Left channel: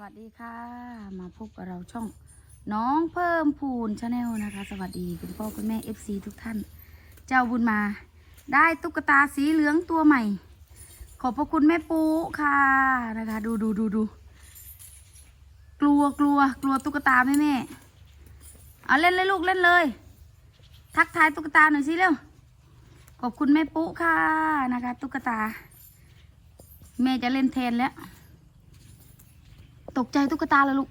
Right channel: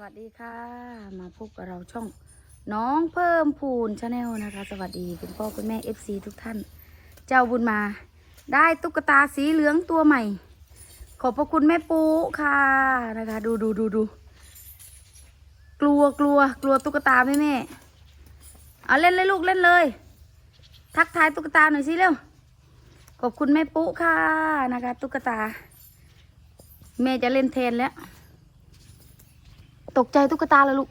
วัสดีค่ะ มาพบกับเราช่อง น้องเพิ่มพูนชาแนลนะคะ สวัสดีคุณพ่อคุณแม่ FC ทุกท่าน เจ้าบุญมา ได้ตุ๊กตาสีเหลืองตัวใหม่ ขอบพระคุณแม่ปูค่ะนะคะ ดูดูดูดูกลัวกลัวกลัวตุ๊กตาไหมแม่เอาเล่นเลยลูกเล่นเลย ทักทายตุ๊กตาหน่อยสิเร็วขอบคุณแม่ปูค่ะนะคะ ตุ๊กตาแม่จะเล่นแทนแล้ว ตกใจตุ๊กตาแล้วลูก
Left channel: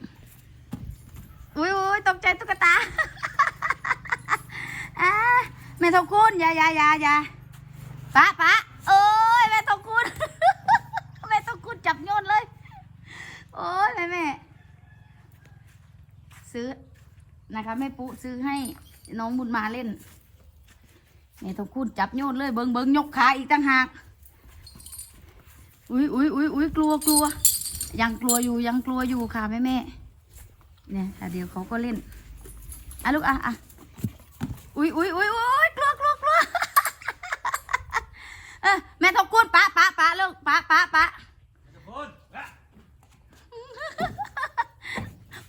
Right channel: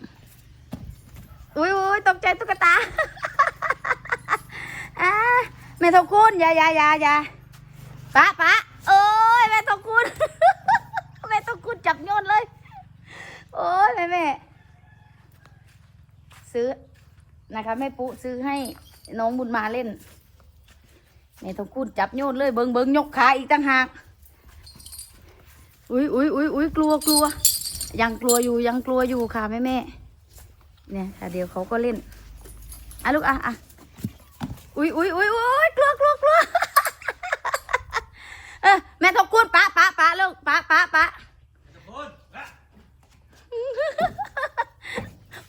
อุ้ยอุ้ยตกใจตุ๊กตาอาแม่ทองคุณอย่าอย่าอย่าอย่าปะปะโอ้ยแม่ทองคุณแม่ทองคุณจับโยนเลย โอ้ยแม่แม่ซื้อนะคะแม่ปุ๊ซื้อให้น้องบุญมาเล่นแม่ทองคุณจับโยนเลยเบิงเบิงยกขาอีกต่างหากอุ้ยอุ้ยอุ้ยอุ้ยกลัวกลัว ยังกลัวอยู่ยังกลัวอยู่ค่ะแม่แม่เนี่ยค่ะเดี๋ยวเขาก็เล่นอะลูกอะอะอุ้ยอุ้ยอุ้ยอุ้ยกลัวกลัวกลัวเออแม่ทบกูดปะปะปะลูกปะปะปะ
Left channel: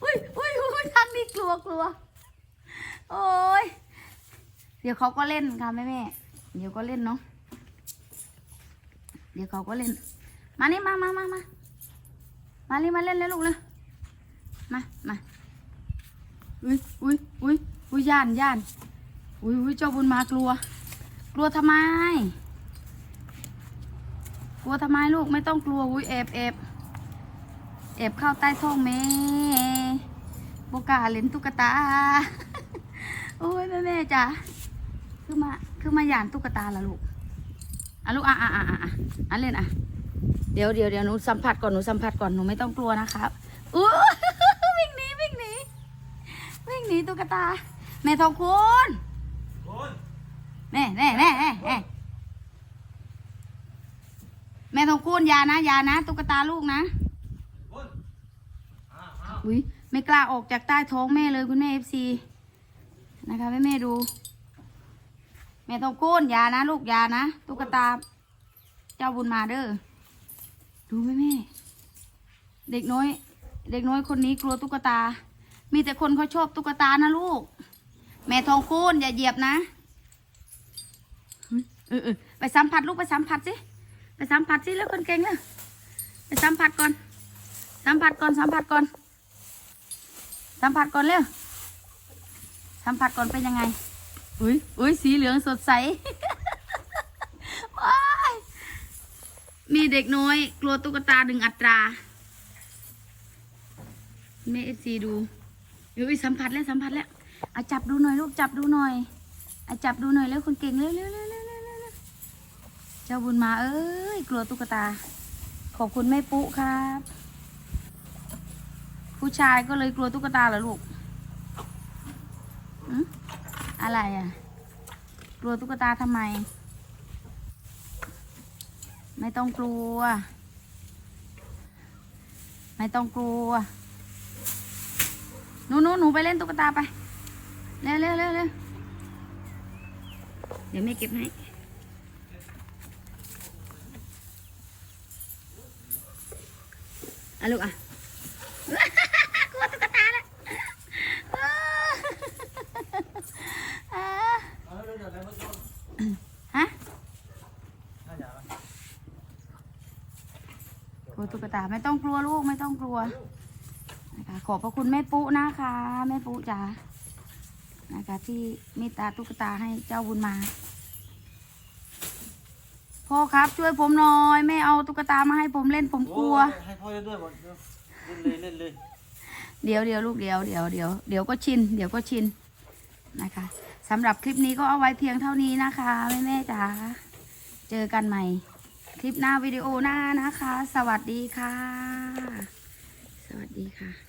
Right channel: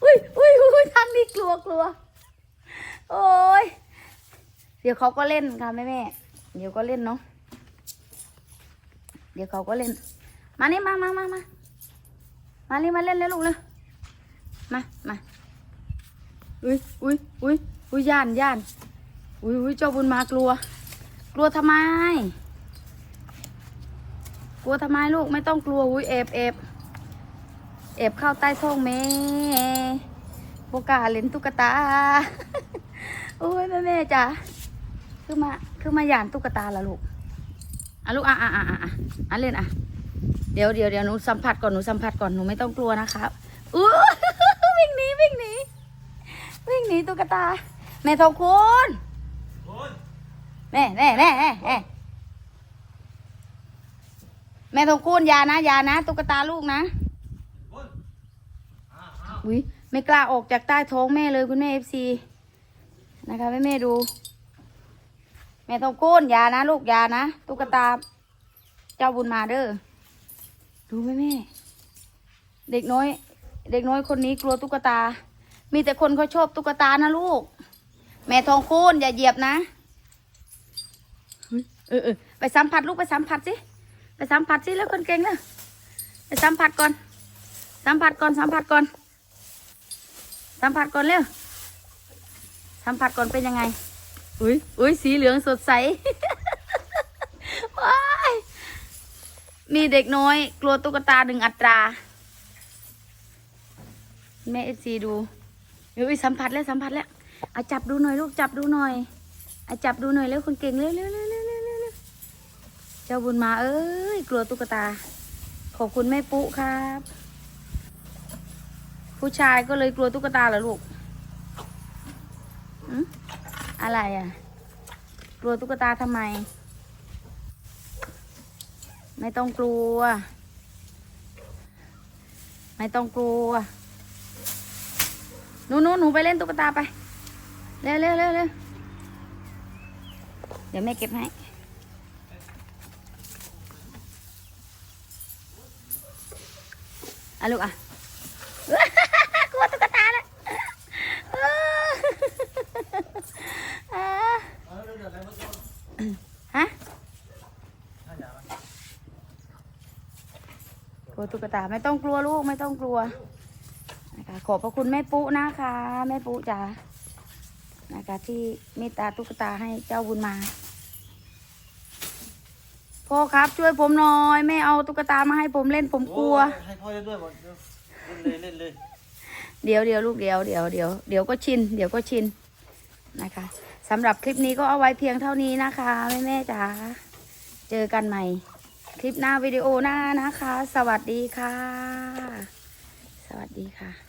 อุ้ยอุ้ยอุ้ยทางนี้กลัวกลัวโอ้ยเดี๋ยวเขาก็เล่นค่ะแม่แม่เดี๋ยวก็เล่นเนาะเดี๋ยวเขาก็เล่น มานี่มามามามา มานี่มาเล่นเลยลูกเลยมามาอุ้ยอุ้ยอุ้ยอุ้ยย่านย่านอุ้ยอุ้ยเจ้าบุญมากลัว กลัวทำไม กลัวทำไมลูกไม่ต้องกลัวอุ้ยเอบเอบเอบเข้าใต้ท้องแม่โบกาเล่นตุ๊กตาโอ้ยแม่แม่จ้ะคือมาคือมาย่านตุ๊กตาละลูกอะลูกอะอะอะอะอะเล่นอะ เดี๋ยวเดี๋ยวเดี๋ยวหนูสัมผัสก่อนหนูสัมผัสก่อนหนูไม่ต้องกลัวนะครับอู้วิ่งหนีวิ่งหนีวิ่งหนีตุ๊กตาแม่ทองคุณแน่แน่แน่แน่แน่แม่ทองคุณอยานะอยานะตุ๊กตาลูกนะอุ้ยไม่กล้าออกจากใต้ท้องแม่เลยคุณแม่เอฟซีนะคะแม่แม่ดู แม่ทองคุณอยานะ ลูกอยานะตุ๊กตา เจ้าบุญมาเด้อ รู้ไหมแม่ เด็กน้อย เด็กน้อยคนนี้กลัวตุ๊กตา มีแต่คนเขาชอบตุ๊กตานะลูก แม่ทองคูณอย่าเหยียบนะเออเออไปสัมผัสลูกไปสัมผัสสิไปสัมผัสสิแล้วคนเก่งเลยไปสัมผัสก่อน สัมผัสก่อนสัมผัสก่อน สัมผัสก่อนเร็วสัมผัสก่อนเป็นยังไงอุ้ยอุ้ยสีเหลืองสดใส ว้าย มีเด็กน้อย กลัวตุ๊กตาหนึ่งอัตรา แม่เอซีดูเฮ้ยสัมผัสแล้วสัมผัสแล้วอาจับดูหน่อยลูกจับดูหน่อยอาจับดูหน่อยแล้วคนเก่งเร็วเร็วเร็วเร็วเร็วเจ้าบุญมาเอ้ยกลัวตุ๊กตา ขอบคุณแม่ปุ๊ครับ ผู้ชายก็เลยกลัวตุ๊กตาเหรอลูกอะไรอะ กลัวตุ๊กตาทำไม ไม่ต้องกลัว ไม่ต้องกลัว หนูหนูหนูไปเล่นตุ๊กตาไป เร็วเร็วเร็วเร็วเดี๋ยวแม่เก็บให้อะลูกอะ กลัวตุ๊กตาแล้วอ่าฮะ กลัวตุ๊กตาไม่ต้องกลัวลูกไม่ต้องกลัวนะคะขอบพระคุณแม่ปุ๊นะคะแม่ปุ๊จ๋านะคะที่เมตตาตุ๊กตาให้เจ้าบุญมาพ่อครับช่วยผมหน่อยไม่เอาตุ๊กตามาให้ผมเล่นผมกลัว ให้พ่อเล่นด้วยหมดเล่นเลยเล่นเลยเดี๋ยวเดี๋ยวลูกเดี๋ยวเดี๋ยวเดี๋ยวเดี๋ยวก็ชินเดี๋ยวก็ชินนะคะสำหรับคลิปนี้ก็เอาไว้เพียงเท่านี้นะคะแม่แม่ๆจ๋าเจอกันใหม่ คลิปหน้าวิดีโอหน้านะคะ สวัสดีค่ะ สวัสดีค่ะ